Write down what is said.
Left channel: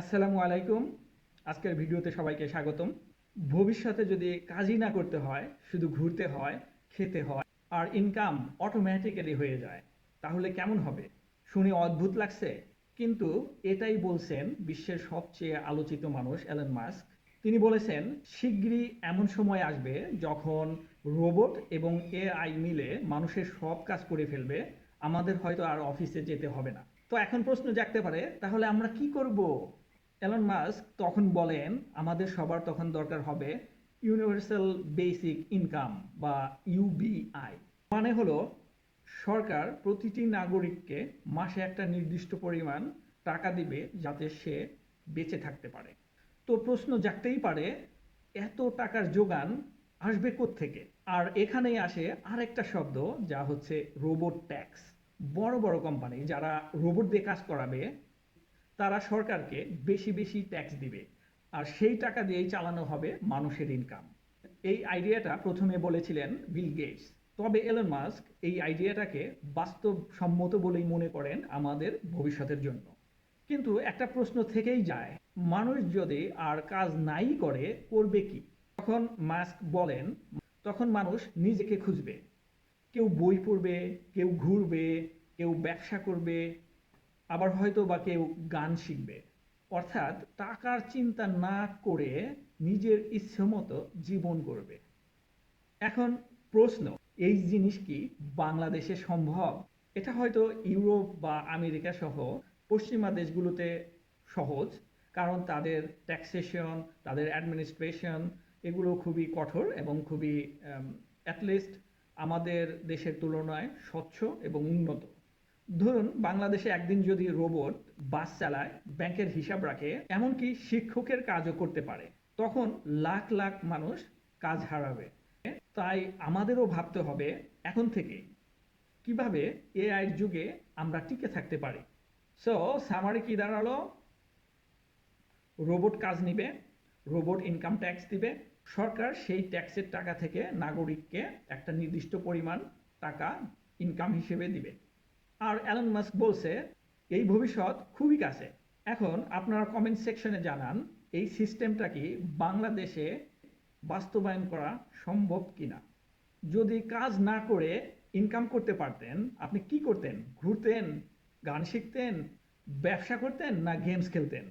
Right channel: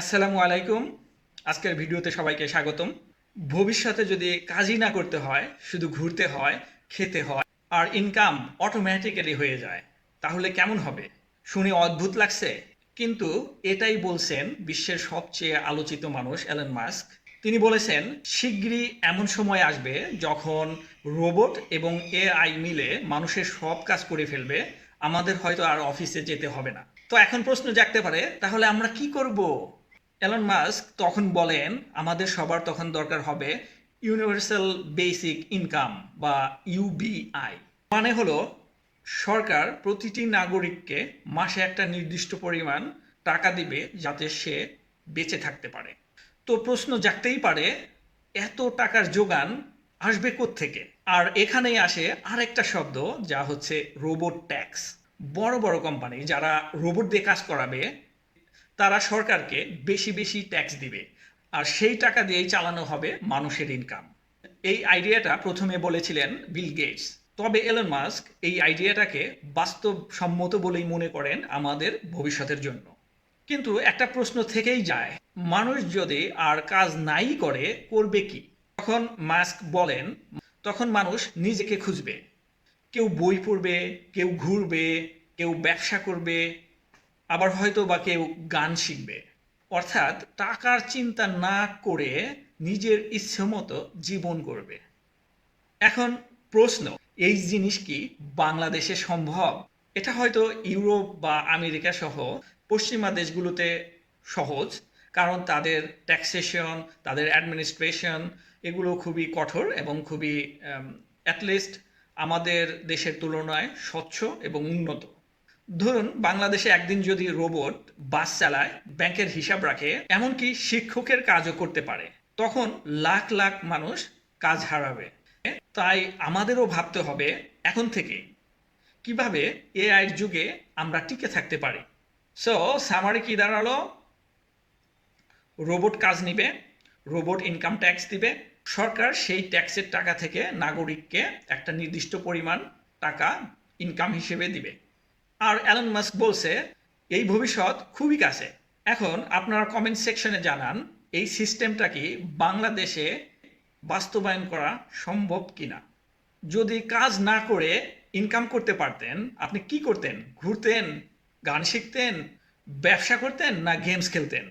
আসসালামু আলাইকুম। আজকের ভিডিওতে সবাইকে স্বাগতম। ভবিষ্যতে যদি কাজই না করতে হয়, শুধু ঘুরতে হয়, খেতে হয় আর ইনকাম অটোমেটিক্যালি হয়ে যায়, তাহলে কেমন হবে? শুনে অদ্ভুত লাগছে? কিন্তু এটাই বলছেন বিশ্বের সবচেয়ে আলোচিত মানুষ এলন মাস্ক। তিনি বলেছেন, শিগগিরই এমন সময় আসবে যখন রোবট এবং এআই মিলে মানুষের সব কাজ করে ফেলবে। আমাদের হয়তো আর অফিসে যেতে হবে না। তো এখন প্রশ্ন জাগতে পারে, তাহলে আমরা কি করব? এলন মাস্ক তখন বলেন, আমাদের সবার তখন দরকার হবে ইউনিভার্সাল বেসিক ইনকাম বা ইউবিআই। মানে হলো, সরকার প্রতিটি নাগরিককে মাসে একটা নির্দিষ্ট পরিমাণ টাকা দিবে যাতে সে বেঁচে থাকতে পারে। তো প্রশ্ন জাগতেই পারে, এত টাকার যোগান আসবে কোত্থেকে? আর এখানেই আসে আরেকটা শব্দ, যা হচ্ছে রোবট ট্যাক্স। বড় বড় কোম্পানি যারা রোবট দিয়ে কাজ করাবে, তারা সরকারকে বেশি বেশি ট্যাক্স দিবে, আর সেই টাকা দিয়েই চালানো হবে মানুষের ইনকাম। এই আইডিয়াটা প্রথমে বলেছিলেন বিল গেটস। তবে এলন মাস্ক এই আইডিয়াটাকে বাস্তবসম্মত বলেই মনে করেন আমাদের ভবিষ্যতের জন্য। কিন্তু একটা প্রশ্ন থেকেই যায়, মানুষ যদি আর কাজ নাই করে, করবে কি? তখন মাস্ক বলেন, তখন মানুষ নিজেকে খুঁজবে। কেউ বই পড়বে, কেউ ঘুরবে, কেউ ব্যবসা করবে, আবার হয়তো বা কেউ গান শিখবে। অর্থাৎ টাকার চিন্তা না করে নিজের ইচ্ছে মতো জীবন করবে। এখন প্রশ্ন, এই জিনিস কি বাংলাদেশে সম্ভব? এটা হয়তো ইউরোপ বা আমেরিকা সহ পশ্চিমা দেশগুলোতে সহজ, কারণ তাদের ট্যাক্সেশন, তাদের অ্যাডমিনিস্ট্রেশন এগুলো খুবই কঠোর এবং খুবই অ্যাটলিস্ট আমাদের দেশের তুলনায় স্বচ্ছ এবং উন্নত। ধরুন, বাংলাদেশে একদিন যদি রোবট বাস চালায়, ব্যাংকের হিসাব রাখে, এমনকি শিক্ষকের কাজও করতে পারে, তখন লাখ লাখ মানুষ কাজ হারাবে। তাই আমাদেরও ভাবতে হবে এখন থেকে কিভাবে এআইয়ের যুগে আমরা টিকে থাকতে পারি। সো সামারি কি দাঁড়ালো? রোবট কাজ নিবে, রোবট ইনকাম ট্যাক্স দিবে, সরকার সেই ট্যাক্সের টাকা থেকে নাগরিককে একটা নির্দিষ্ট পরিমাণ টাকা ইনকাম হিসেবে দিবে। আর অ্যালন মাস্ক বলছে, এই ভবিষ্যৎ খুবই কাছে। এখন আপনারা কমেন্ট সেকশনে জানান, এই সিস্টেমটা কি বাংলাদেশে বাস্তবায়ন করা সম্ভব কিনা। যদি কাজ না করে ইনকাম করতে পারতেন, আপনি কি করতেন? ঘুরতেন, গান শিখতেন, ব্যবসা করতেন, না গেমস খেলতেন?